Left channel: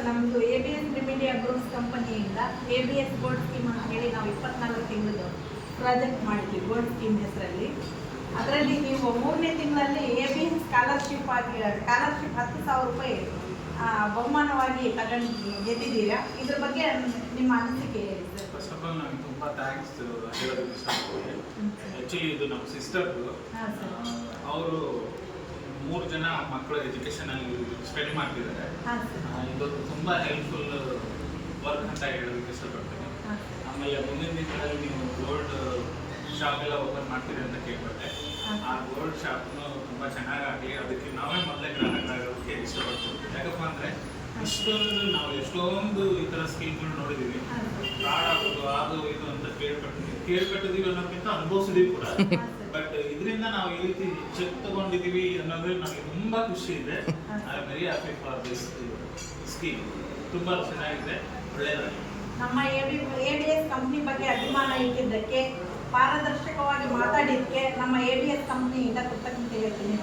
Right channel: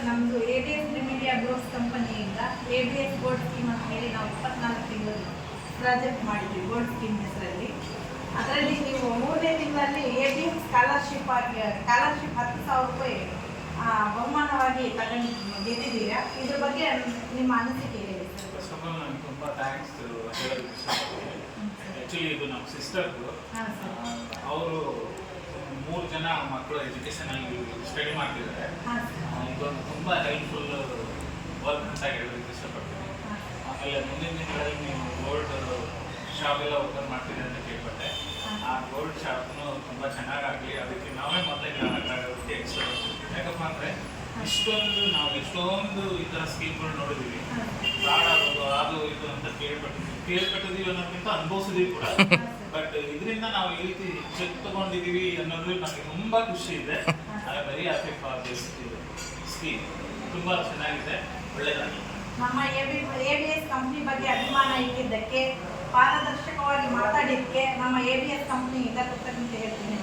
Sir ನಮ್ಮದು ABS ರಿಮಿಡಿಯಾ groups ಕಂಪನಿಯಿಂದ ABS gold scheme ಅಂತ ಹೇಳಿ ನಾವು 24 ತಿಂಗಳು ಪ್ರಾಜೆಕ್ಟ್ ಮಾಡಿದ್ವಿ ಗೋಲ್ಡ್ ಸ್ಕೀಮ್ ಹೆಸರಲ್ಲಿ. ಅದರಲ್ಲಿ ನೀವು 3ನೇ ತಿಂಗಳಲ್ಲಿ ABS ಸ್ಕಾಲರ್ಶಿಪ್ ಆಗಿ ಸ್ಕಾಲರ್ಶಿಪ್ 10,000 ರೂಪಾಯಿ ಬಹುಮಾನವಾಗಿ ಗೆದ್ದಿದ್ದೀರಾ. ಇದ್ರ ಬಗ್ಗೆ ನಿಮ್ಮ ಅನಿಸಿಕೆ ಹೇಳಿ ಸರ್. ಫಸ್ಟ್ ಆಫ್ ಆಲ್ ನಾನು ತುಂಬ ಥ್ಯಾಂಕ್ಸ್ ಹೇಳೋದಕ್ಕೆ ಇಷ್ಟಪಡ್ತೀನಿ. ಆ್ಯಕ್ಚುಲಿ ಇದು ನಮ್ಮ ಸಿಸ್ಟರ್ದು. ಅವರು 3 ಜನ ಮಕ್ಕಳ ಎಜುಕೇಷನಲ್ಲಿ ಸ್ಟಡಿ ಮಾಡ್ತಿದ್ದಾರೆ. ಇದೊಂದು ತುಂಬ ಹೆಲ್ಪ್ಫುಲ್ ವರ್ಕ್ ಅಂತ ಹೇಳೋದಕ್ಕೆ ಇಷ್ಟಪಡ್ತೀನಿ. ಆಮೇಲೆ ಮುಂದಿನ ದಿನಗಳಲ್ಲಿ ನೀವು ಗೋಲ್ಡ್ ಶಾಪ್ ಎಲ್ಲ ಓಪನ್ ಮಾಡ್ತೀರಿ ಅಂತ ಕೇಳ್ಪಟ್ಟೆ. ಆ ಗೋಲ್ಡ್ ಶಾಪ್ನು ತುಂಬ ಚೆನ್ನಾಗಾಗಲಿ, ಅದಕ್ಕೆ ನಾವೇ ಮೊದಲೇ ಗ್ರಾಹಕರಾಗೋದಕ್ಕೆ ಇಷ್ಟಪಡ್ತೀವಿ. ಯಾಕಪ್ಪ ಅಂದರೆ ನಾವು ಎಷ್ಟೊಂದು ಈ ಥರ ಸ್ಕೀಮ್ಗಳು ನೋಡಿದ್ದೀವಿ. ಫ್ರಾಡ್ ಆಗೋದು ಅದು ಇದು ಅಂತ ಕೇಳ್ಪಟ್ಟಿದ್ದೀವಿ ಅನ್ನೋದಕ್ಕಿಂತ ಅನುಭವಿಸಿದೀವಿ ಕೂಡ. ಬಟ್ ಇದರಿಂದ ನಾವು ಈ ರೀತಿ ಚೆಕ್ ತಗೊಂಡಿದ್ದೀವಿ ಅನ್ನೋದು ನನಗೆ ತುಂಬ ಖುಷಿ ಇದೆ. I am very happy for this scheme. ತುಂಬ ಚೆನ್ನಾಗಿದೆ, ಒಳ್ಳೆಯದಾಗಿ. ನಮ್ಮ ABS ಕಂಪ್ನಿ ಬಗ್ಗೆ ಅಭಿಮಾನ ಇಟ್ಟಿದ್ದಕ್ಕೆ, ಪಾರದರ್ಶಕವಾಗಿ ಮಾತಾಡಿದ್ದಕ್ಕೆ ನಮ್ಮ ABS ಕಂಪ್ನಿಯಿಂದ ಕೃತಜ್ಞತೆ ಹೇಳ್ತೀನಿ.